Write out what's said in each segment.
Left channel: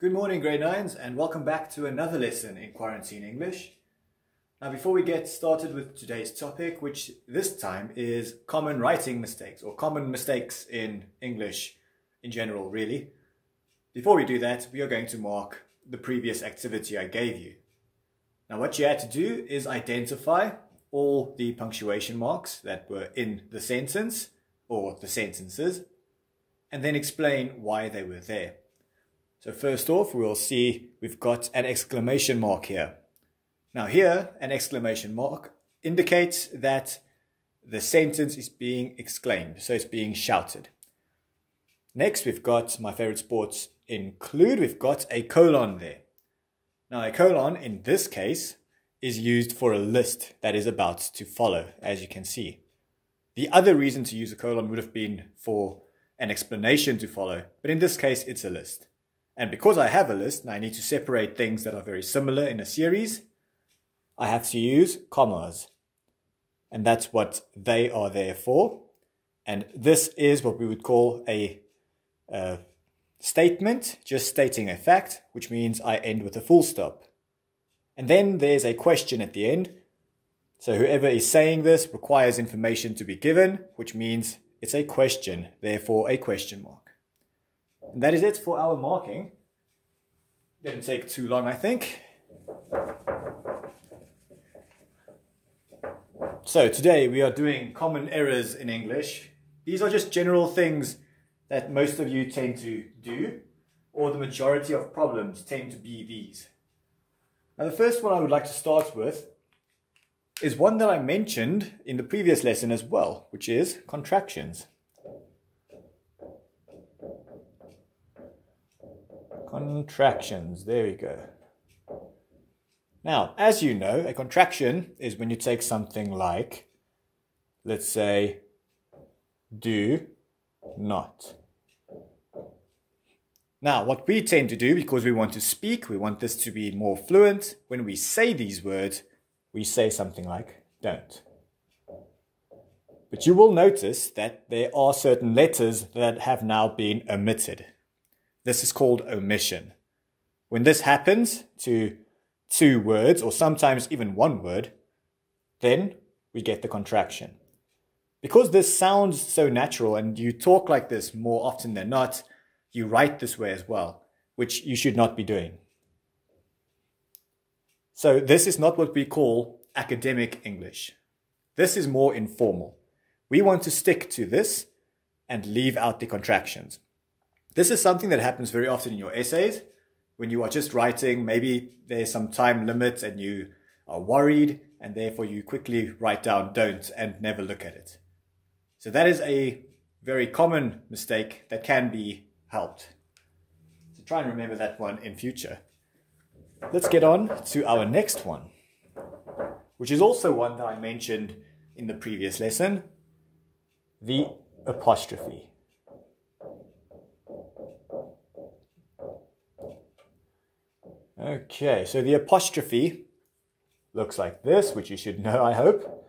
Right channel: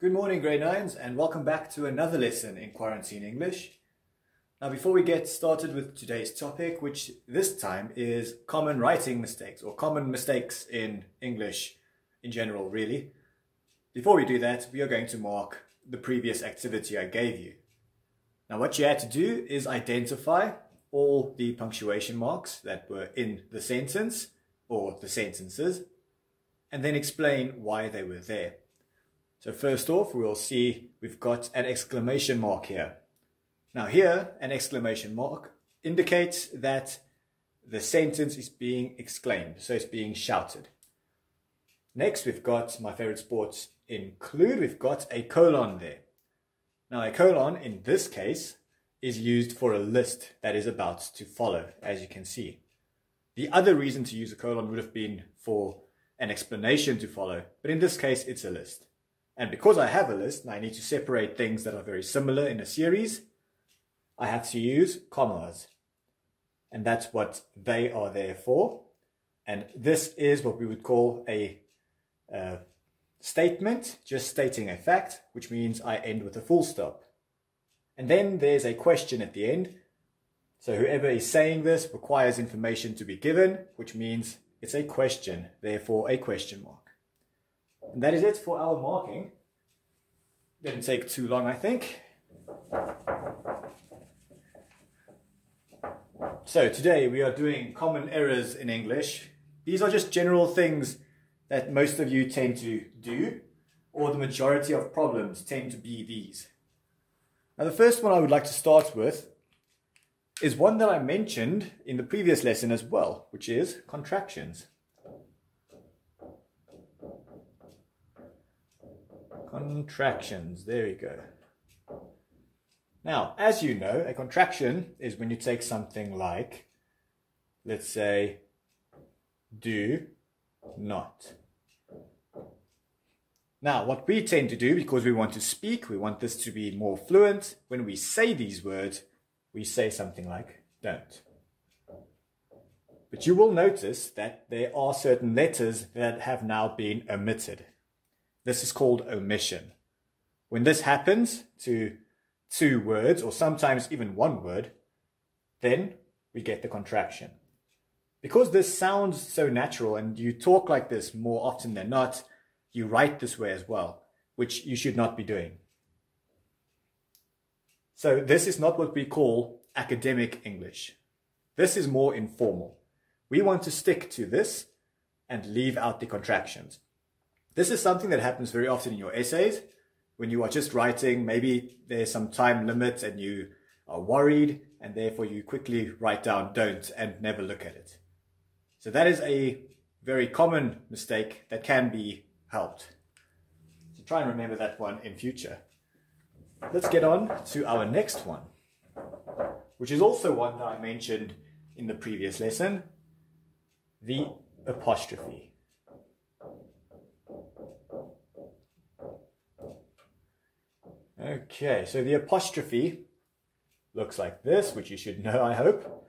Good morning, grade 9s, and welcome back to another lesson in Quarantine English. Now, before we get started with today's topic, which this time is common writing mistakes, or common mistakes in English in general, really. Before we do that, we are going to mark the previous activity I gave you. Now, what you had to do is identify all the punctuation marks that were in the sentence, or the sentences, and then explain why they were there. So first off, we'll see we've got an exclamation mark here. Now here, an exclamation mark indicates that the sentence is being exclaimed, so it's being shouted. Next, we've got my favorite sports include, we've got a colon there. Now a colon, in this case, is used for a list that is about to follow, as you can see. The other reason to use a colon would have been for an explanation to follow, but in this case, it's a list. And because I have a list and I need to separate things that are very similar in a series, I have to use commas. And that's what they are there for. And this is what we would call a statement, just stating a fact, which means I end with a full stop. And then there's a question at the end. So whoever is saying this requires information to be given, which means it's a question, therefore a question mark. And that is it for our marking. Didn't take too long, I think. So today we are doing common errors in English. These are just general things that most of you tend to do, or the majority of problems tend to be these. Now the first one I would like to start with is one that I mentioned in the previous lesson as well, which is contractions. Contractions, there we go. Now, as you know, a contraction is when you take something like, let's say, do not. Now, what we tend to do, because we want to speak, we want this to be more fluent, when we say these words, we say something like don't. But you will notice that there are certain letters that have now been omitted. This is called omission. When this happens to two words, or sometimes even one word, then we get the contraction. Because this sounds so natural and you talk like this more often than not, you write this way as well, which you should not be doing. So this is not what we call academic English. This is more informal. We want to stick to this and leave out the contractions. This is something that happens very often in your essays. When you are just writing, maybe there's some time limit and you are worried, and therefore you quickly write down don't and never look at it. So that is a very common mistake that can be helped. So try and remember that one in future. Let's get on to our next one, which is also one that I mentioned in the previous lesson, the apostrophe. Okay, so the apostrophe looks like this, which you should know, I hope.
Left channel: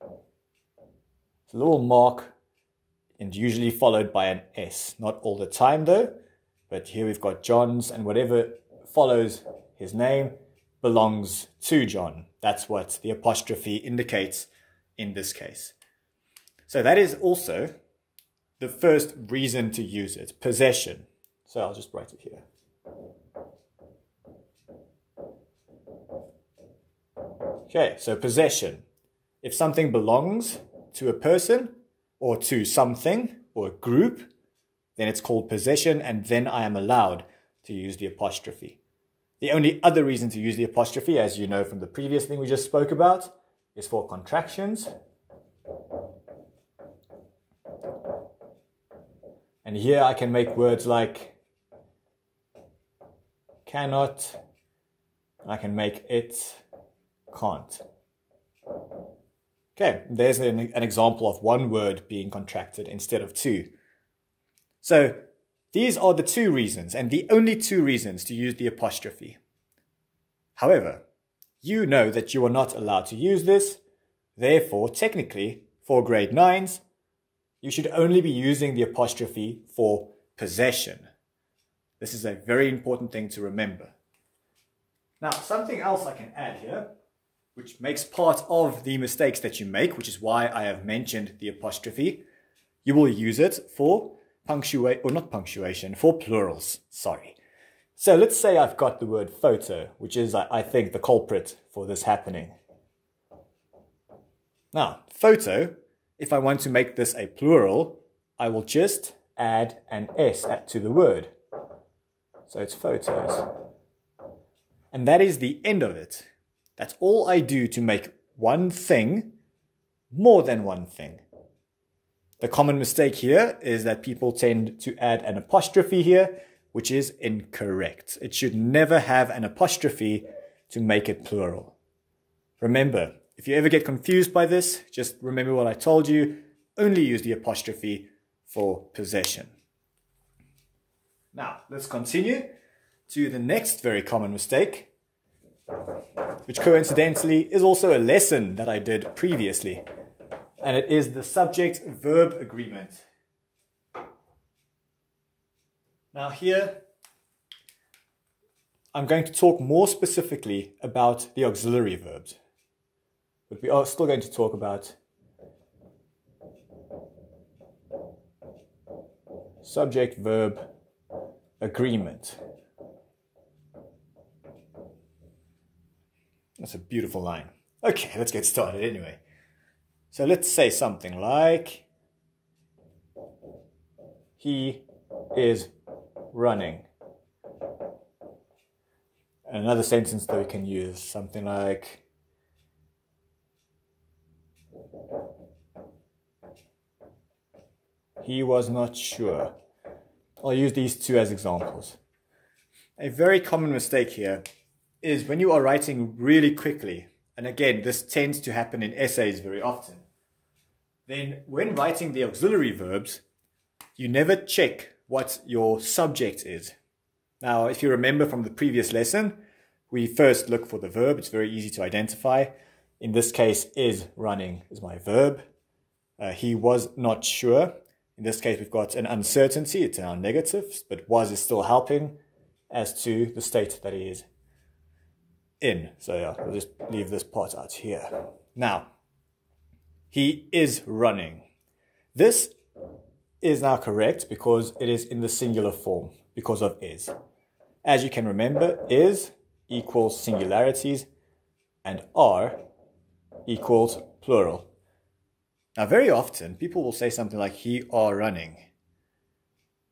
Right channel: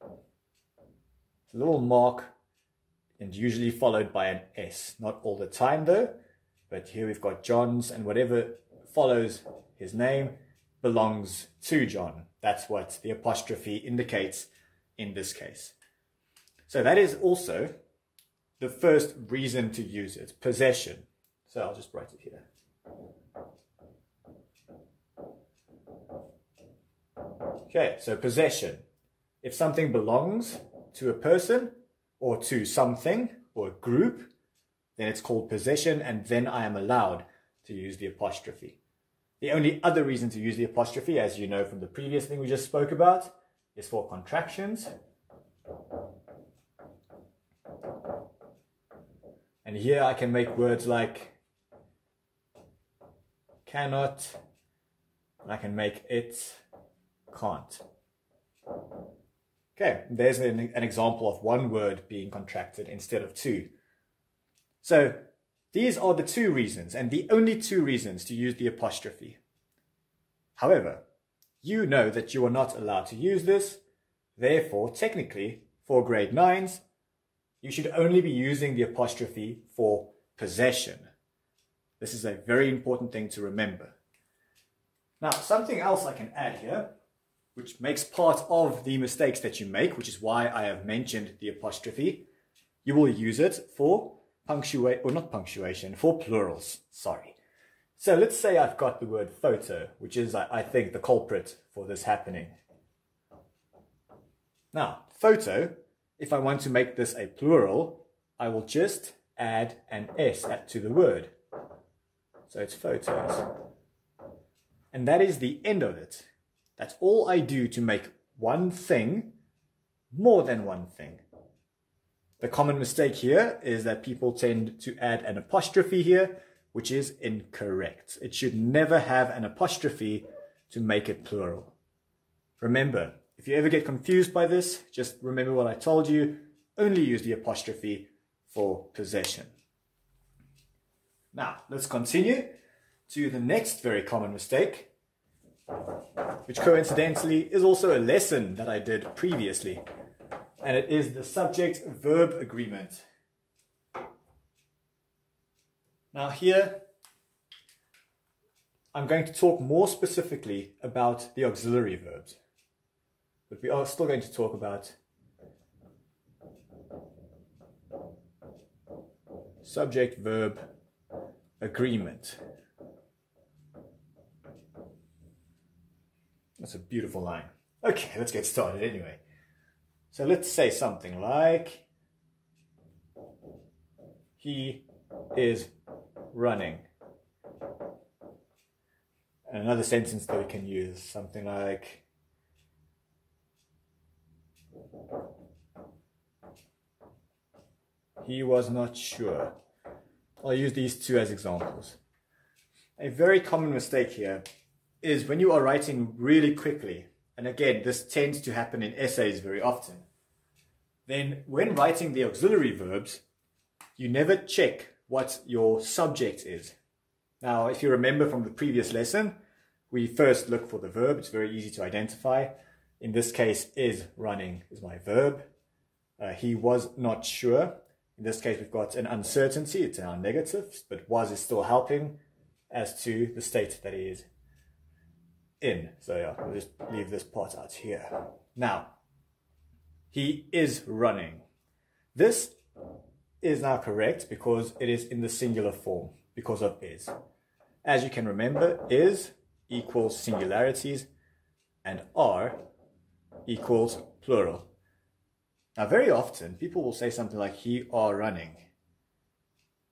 It's a little mark and usually followed by an S. Not all the time though, but here we've got John's, and whatever follows his name belongs to John. That's what the apostrophe indicates in this case. So that is also the first reason to use it, possession. So I'll just write it here. Okay, so possession. If something belongs to a person or to something or a group, then it's called possession, and then I am allowed to use the apostrophe. The only other reason to use the apostrophe, as you know from the previous thing we just spoke about, is for contractions. And here I can make words like cannot, I can make it can't. Okay, there's an example of one word being contracted instead of two. So these are the two reasons, and the only two reasons to use the apostrophe. However, you know that you are not allowed to use this. Therefore, technically, for grade 9s, you should only be using the apostrophe for possession. This is a very important thing to remember. Now, something else I can add here, which makes part of the mistakes that you make, which is why I have mentioned the apostrophe. You will use it for for plurals, sorry. So let's say I've got the word photo, which is, I think, the culprit for this happening. Now, photo, if I want to make this a plural, I will just add an S to the word. So it's photos. And that is the end of it. That's all I do to make one thing more than one thing. The common mistake here is that people tend to add an apostrophe here, which is incorrect. It should never have an apostrophe to make it plural. Remember, if you ever get confused by this, just remember what I told you. Only use the apostrophe for possession. Now, let's continue to the next very common mistake, which coincidentally is also a lesson that I did previously. And it is the subject-verb agreement. Now here, I'm going to talk more specifically about the auxiliary verbs. But we are still going to talk about subject-verb agreement. That's a beautiful line. Okay, let's get started anyway. So let's say something like, he is running. Another sentence that we can use, something like, he was not sure. I'll use these two as examples. A very common mistake here is when you are writing really quickly, and again, this tends to happen in essays very often, then when writing the auxiliary verbs, you never check what your subject is. Now, if you remember from the previous lesson, we first look for the verb. It's very easy to identify. In this case, is running is my verb. He was not sure. In this case, we've got an uncertainty. It's our negative, but was is still helping as to the state that he is in. So yeah, we'll just leave this part out here. Now, he is running. This is now correct because it is in the singular form because of is. As you can remember, is equals singularities and are equals plural. Now, very often people will say something like he are running,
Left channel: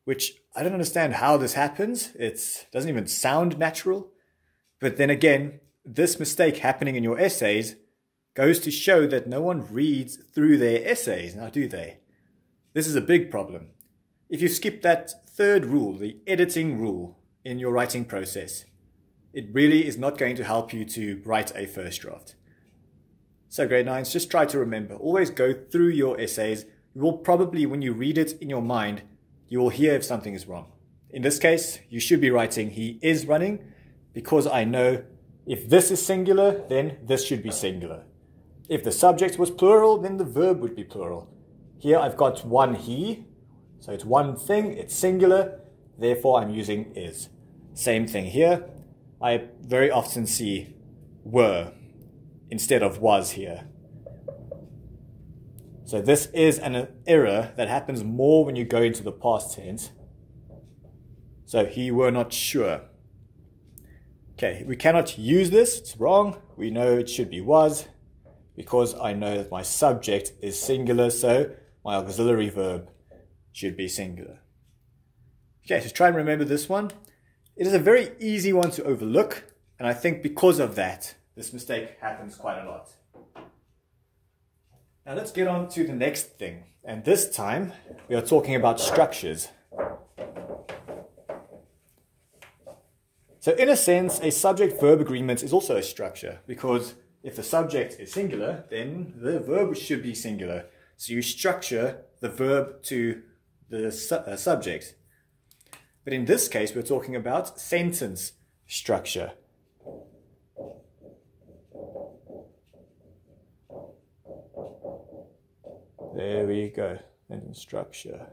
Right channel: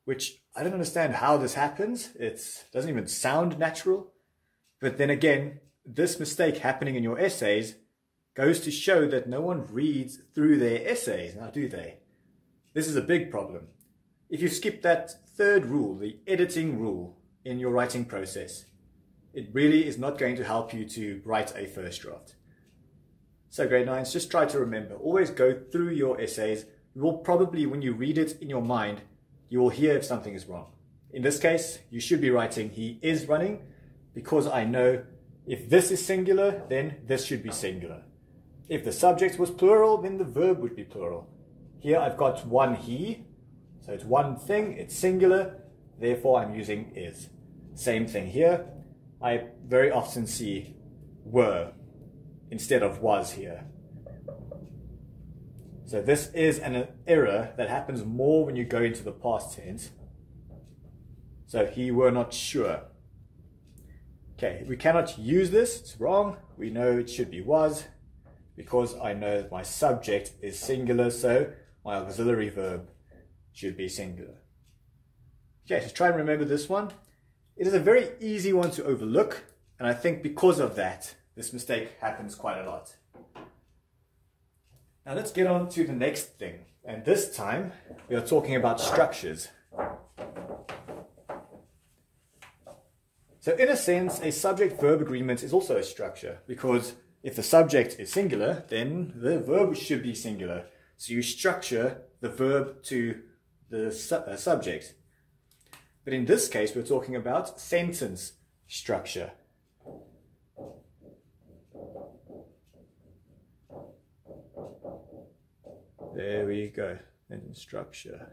which I don't understand how this happens. It doesn't even sound natural. But then again, this mistake happening in your essays goes to show that no one reads through their essays, now do they? This is a big problem. If you skip that third rule, the editing rule in your writing process, it really is not going to help you to write a first draft. So grade 9s, just try to remember, always go through your essays. You will probably, when you read it in your mind, you will hear if something is wrong. In this case, you should be writing he is running, because I know if this is singular, then this should be singular. If the subject was plural, then the verb would be plural. Here I've got one he, so it's one thing, it's singular, therefore I'm using is. Same thing here. I very often see were instead of was here. So this is an error that happens more when you go into the past tense. So he were not sure. Okay, we cannot use this, it's wrong. We know it should be was, because I know that my subject is singular, so my auxiliary verb should be singular. Okay, so try and remember this one. It is a very easy one to overlook, and I think because of that, this mistake happens quite a lot. Now let's get on to the next thing, and this time we are talking about structures. So in a sense, a subject-verb agreement is also a structure, because if the subject is singular, then the verb should be singular. So you structure the verb to the subject. But in this case, we're talking about sentence structure. There we go, sentence structure.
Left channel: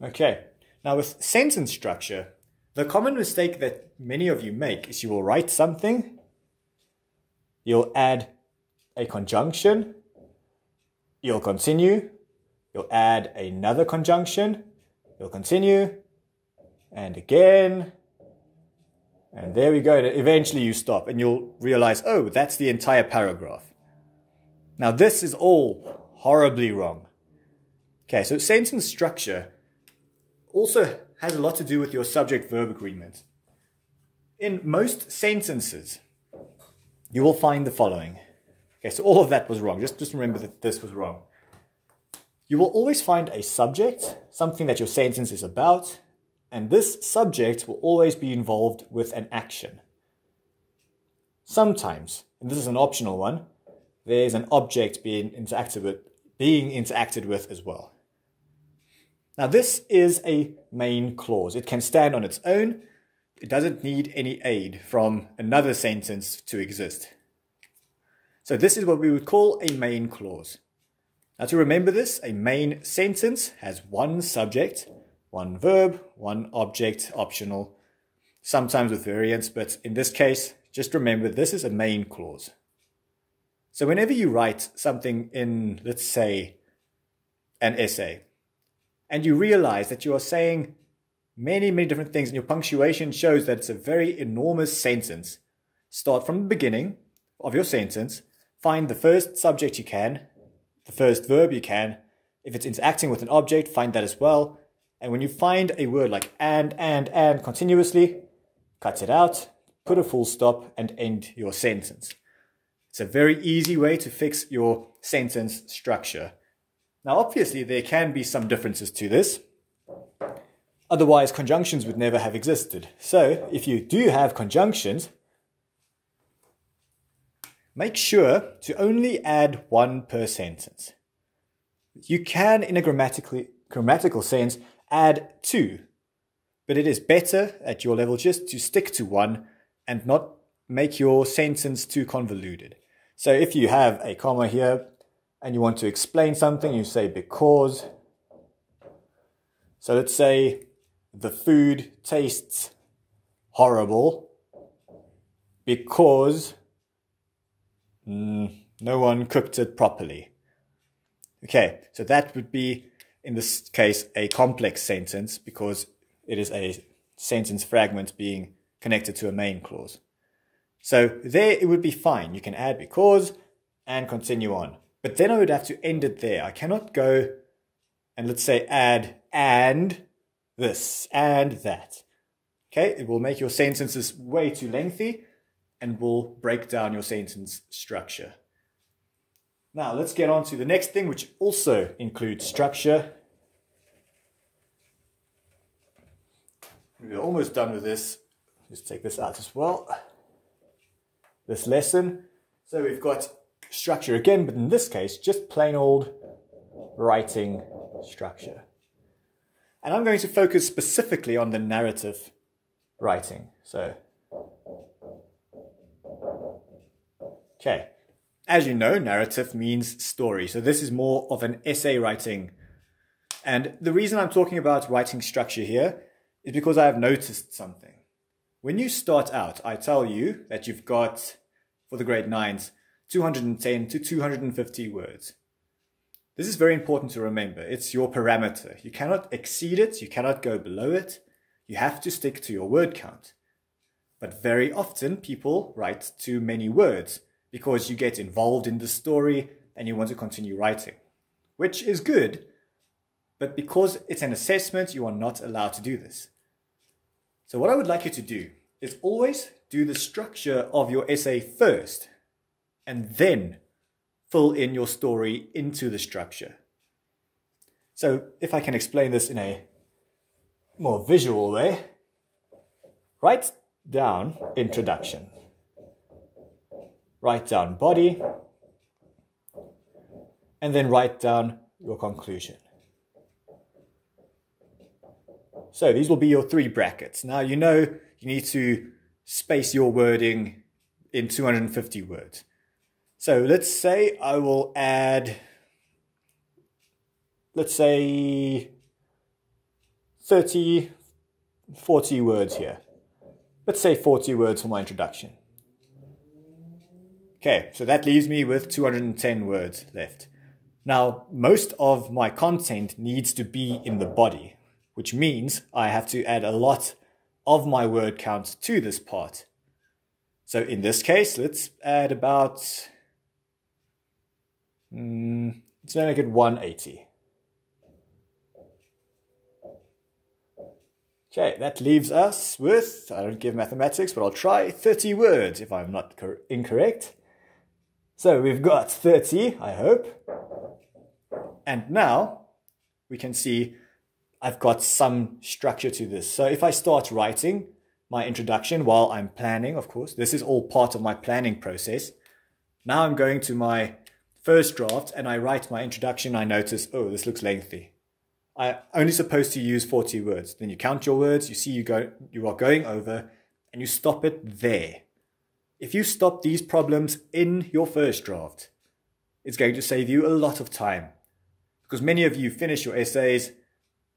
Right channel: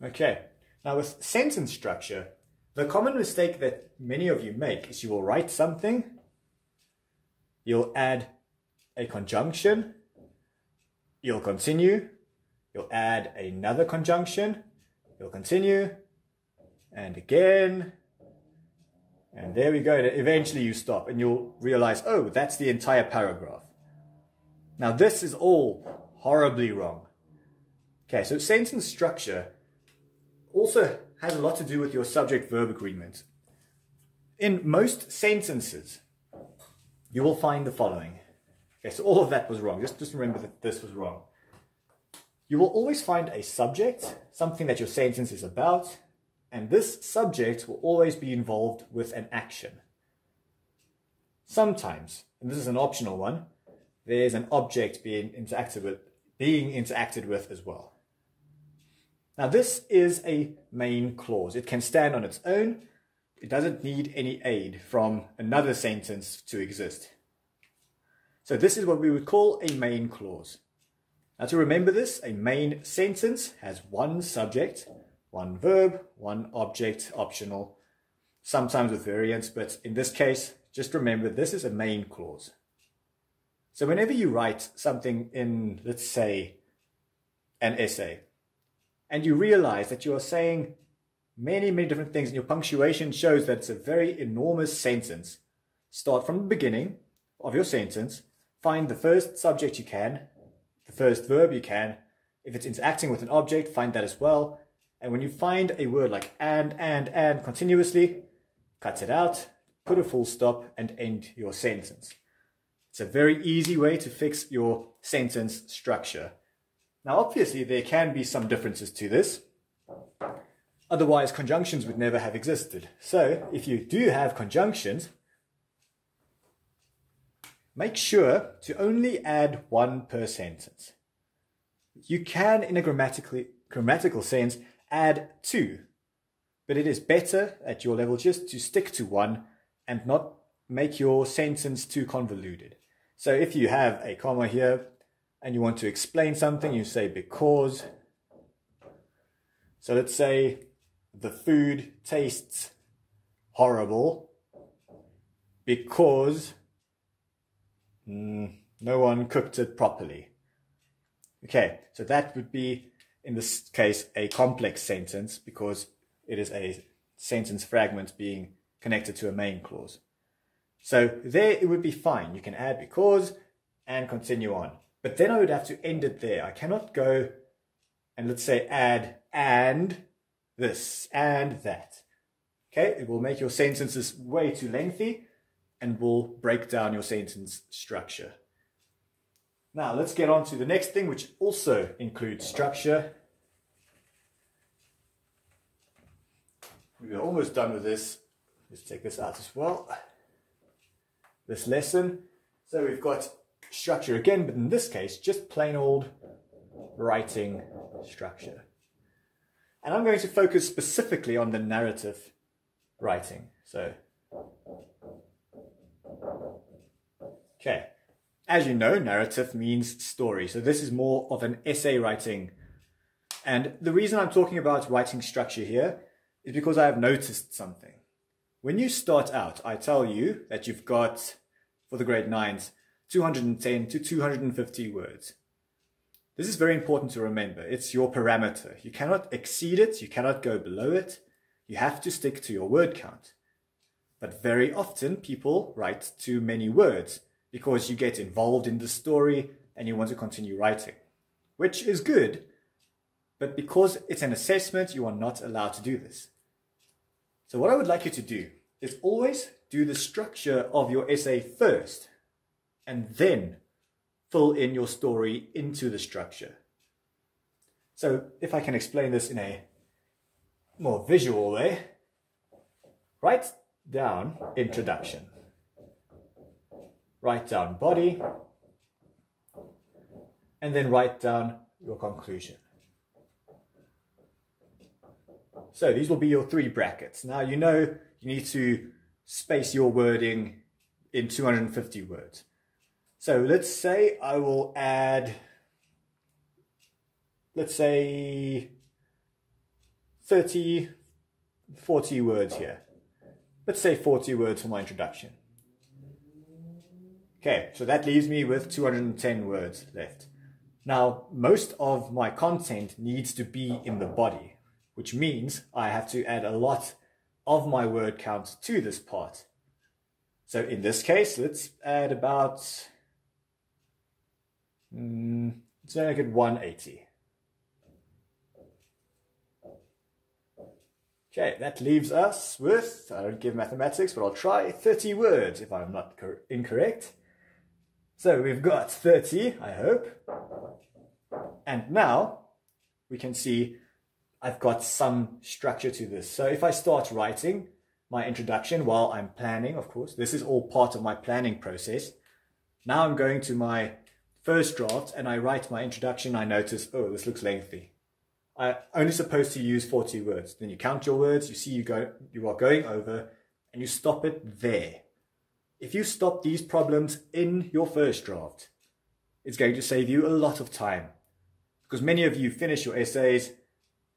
Okay, Now with sentence structure, the common mistake that many of you make is you will write something, you'll add a conjunction, you'll continue, you'll add another conjunction, you'll continue, and again, and there we go. Eventually you stop and you'll realize, oh, that's the entire paragraph. Now this is all horribly wrong. Okay, so sentence structure also has a lot to do with your subject-verb agreement. In most sentences, you will find the following. Okay, so all of that was wrong. Just remember that this was wrong. You will always find a subject, something that your sentence is about, and this subject will always be involved with an action. Sometimes, and this is an optional one, there's an object being interacted with as well. Now this is a main clause. It can stand on its own. It doesn't need any aid from another sentence to exist. So this is what we would call a main clause. Now to remember this, a main sentence has one subject, one verb, one object, optional, sometimes with variants, but in this case, just remember this is a main clause. So whenever you write something in, let's say, an essay, and you realize that you are saying many different things and your punctuation shows that it's a very enormous sentence, start from the beginning of your sentence, find the first subject you can, the first verb you can. If it's interacting with an object, find that as well. And when you find a word like and continuously, cut it out, put a full stop and end your sentence. It's a very easy way to fix your sentence structure. Now, obviously, there can be some differences to this. Otherwise, conjunctions would never have existed. So, if you do have conjunctions, make sure to only add one per sentence. You can, in a grammatical sense, add two, but it is better at your level just to stick to one and not make your sentence too convoluted. So if you have a comma here and you want to explain something, you say because. So let's say the food tastes horrible because no one cooked it properly. Okay, so that would be, in this case, a complex sentence because it is a sentence fragment being connected to a main clause. So there it would be fine. You can add because and continue on. But then I would have to end it there. I cannot go and let's say add and this and that. Okay, it will make your sentences way too lengthy and will break down your sentence structure. Now let's get on to the next thing, which also includes structure. We're almost done with this. Let's take this out as well. This lesson. So we've got structure again, but in this case, just plain old writing structure. And I'm going to focus specifically on the narrative writing. So, okay. As you know, narrative means story. So this is more of an essay writing. And the reason I'm talking about writing structure here is because I have noticed something. When you start out, I tell you that you've got, for the grade 9s, 210 to 250 words. This is very important to remember. It's your parameter. You cannot exceed it. You cannot go below it. You have to stick to your word count. But very often people write too many words because you get involved in the story and you want to continue writing, which is good. But because it's an assessment, you are not allowed to do this. So what I would like you to do is always do the structure of your essay first and then fill in your story into the structure. So if I can explain this in a more visual way, write down introduction, write down body, and then write down your conclusion. So these will be your 3 brackets. Now you know you need to space your wording in 250 words. So let's say I will add, let's say 30, 40 words here. Let's say 40 words for my introduction. Okay, so that leaves me with 210 words left. Now, most of my content needs to be in the body, which means I have to add a lot of my word count to this part. So in this case, let's add about, let's make it 180. Okay, that leaves us with, I don't give mathematics, but I'll try 30 words if I'm not incorrect. So we've got 30, I hope. And now we can see I've got some structure to this. So if I start writing my introduction while I'm planning, of course, this is all part of my planning process. Now I'm going to my first draft and I write my introduction. I notice, oh, this looks lengthy. I'm only supposed to use 40 words. Then you count your words, you see you are going over, and you stop it there. If you stop these problems in your first draft, it's going to save you a lot of time. Because many of you finish your essays,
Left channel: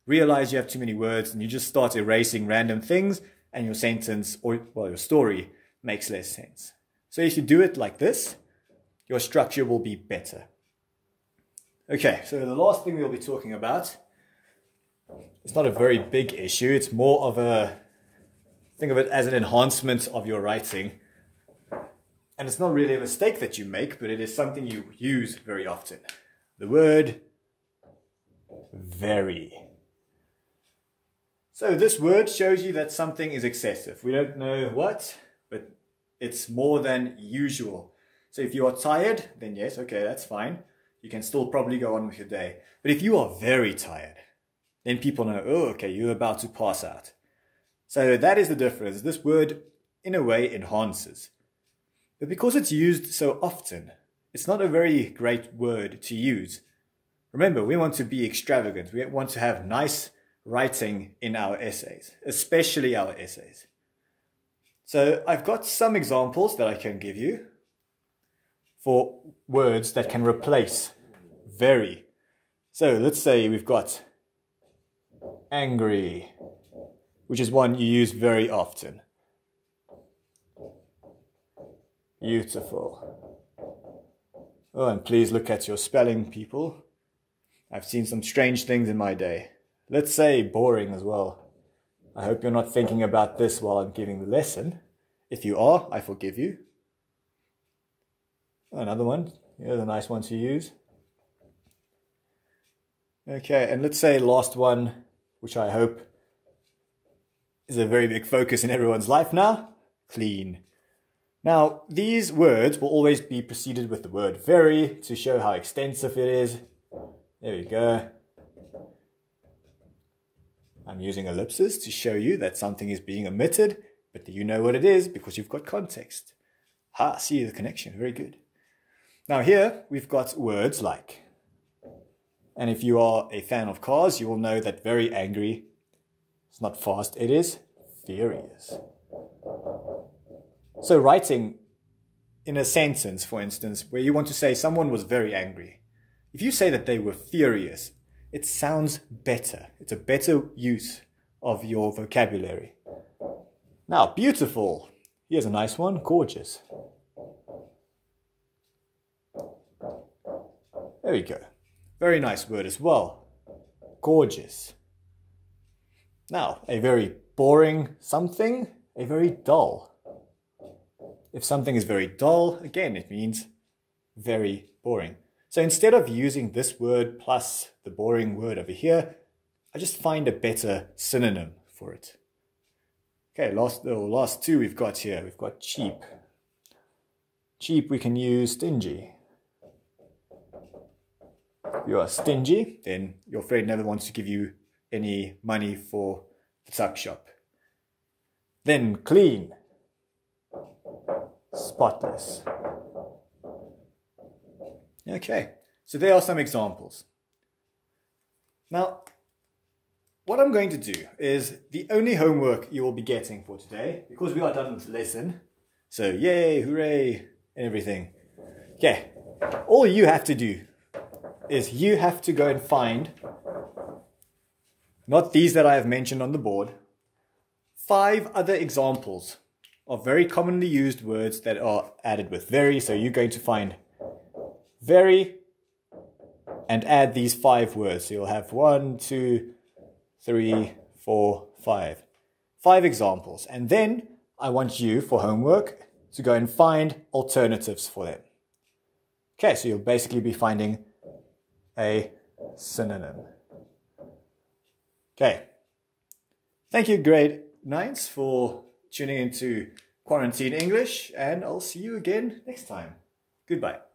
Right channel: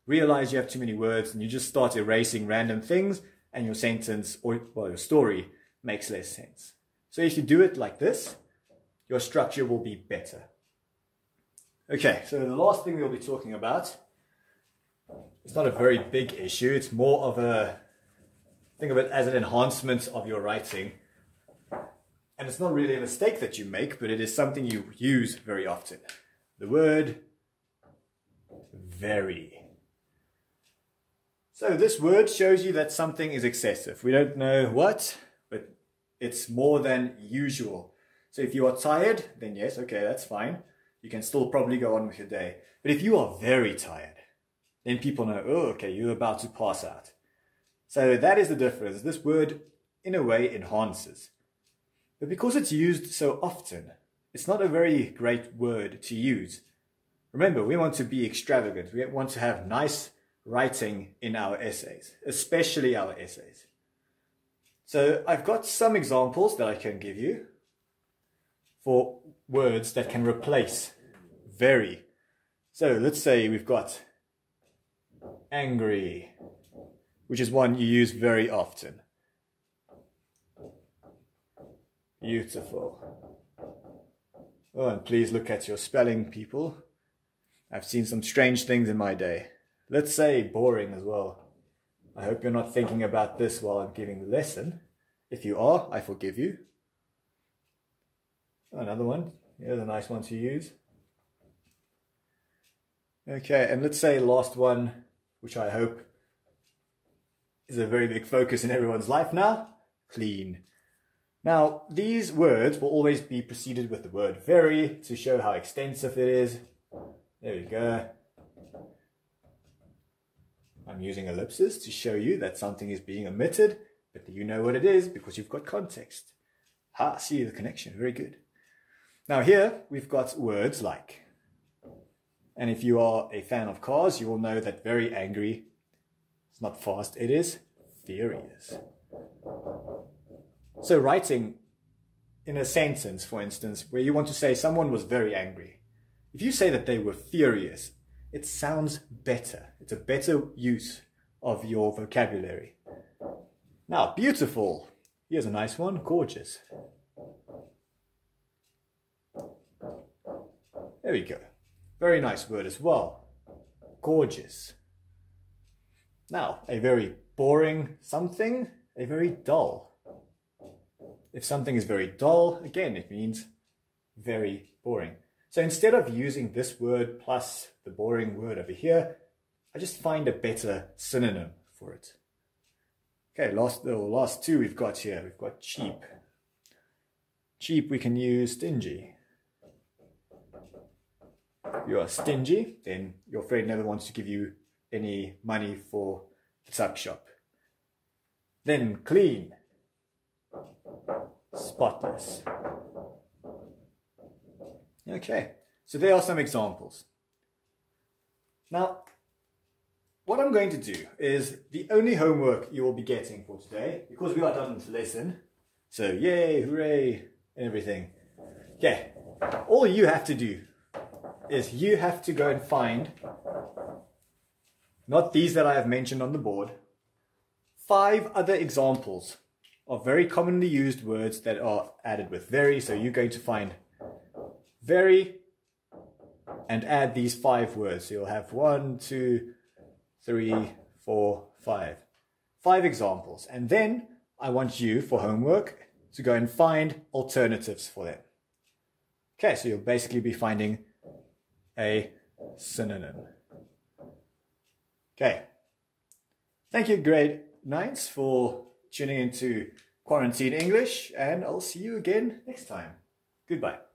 realize you have too many words, and you just start erasing random things, and your sentence, or well, your story makes less sense. So if you do it like this, your structure will be better. Okay, so the last thing we'll be talking about, it's not a very big issue, it's more of a, think of it as an enhancement of your writing. And it's not really a mistake that you make, but it is something you use very often. The word very. So this word shows you that something is excessive. We don't know what, but it's more than usual. So if you are tired, then yes, okay, that's fine. You can still probably go on with your day. But if you are very tired, then people know, oh, okay, you're about to pass out. So that is the difference. This word, in a way, enhances. But because it's used so often, it's not a very great word to use. Remember, we want to be extravagant. We want to have nice writing in our essays, especially our essays. So I've got some examples that I can give you for words that can replace very. So let's say we've got angry, which is one you use very often. Beautiful. Oh, and please look at your spelling, people. I've seen some strange things in my day. Let's say boring as well. I hope you're not thinking about this while I'm giving the lesson. If you are, I forgive you. Another one. Here's a nice one to use. Okay, and let's say last one, which I hope is a very big focus in everyone's life now. Clean. Now, these words will always be preceded with the word very to show how extensive it is. There we go. I'm using ellipses to show you that something is being omitted, but you know what it is because you've got context. Ha, see the connection, very good. Now here, we've got words like, and if you are a fan of cars, you will know that very angry, it's not fast, it is furious. So writing in a sentence, for instance, where you want to say someone was very angry, if you say that they were furious, it sounds better. It's a better use of your vocabulary. Now, beautiful. Here's a nice one, gorgeous. There we go. Very nice word as well. Gorgeous. Now, a very boring something, a very dull. If something is very dull, again, it means very boring. So instead of using this word plus the boring word over here, I just find a better synonym for it. Okay, last two we've got here. We've got cheap. Cheap, we can use stingy. If you are stingy, then your friend never wants to give you any money for the tuck shop. Then clean. Spotless. Okay, so there are some examples. Now, what I'm going to do is the only homework you will be getting for today, because we are done with the lesson, so yay, hooray, and everything. Okay, all you have to do is you have to go and find not these that I have mentioned on the board, 5 other examples of very commonly used words that are added with very. So you're going to find very and add these 5 words. So you'll have 1, 2, 3, 4, 5. 5 examples. And then I want you, for homework, to go and find alternatives for them. Okay, so you'll basically be finding a synonym. Okay. Thank you, grade 9s, for tuning into Quarantine English, and I'll see you again next time. Goodbye.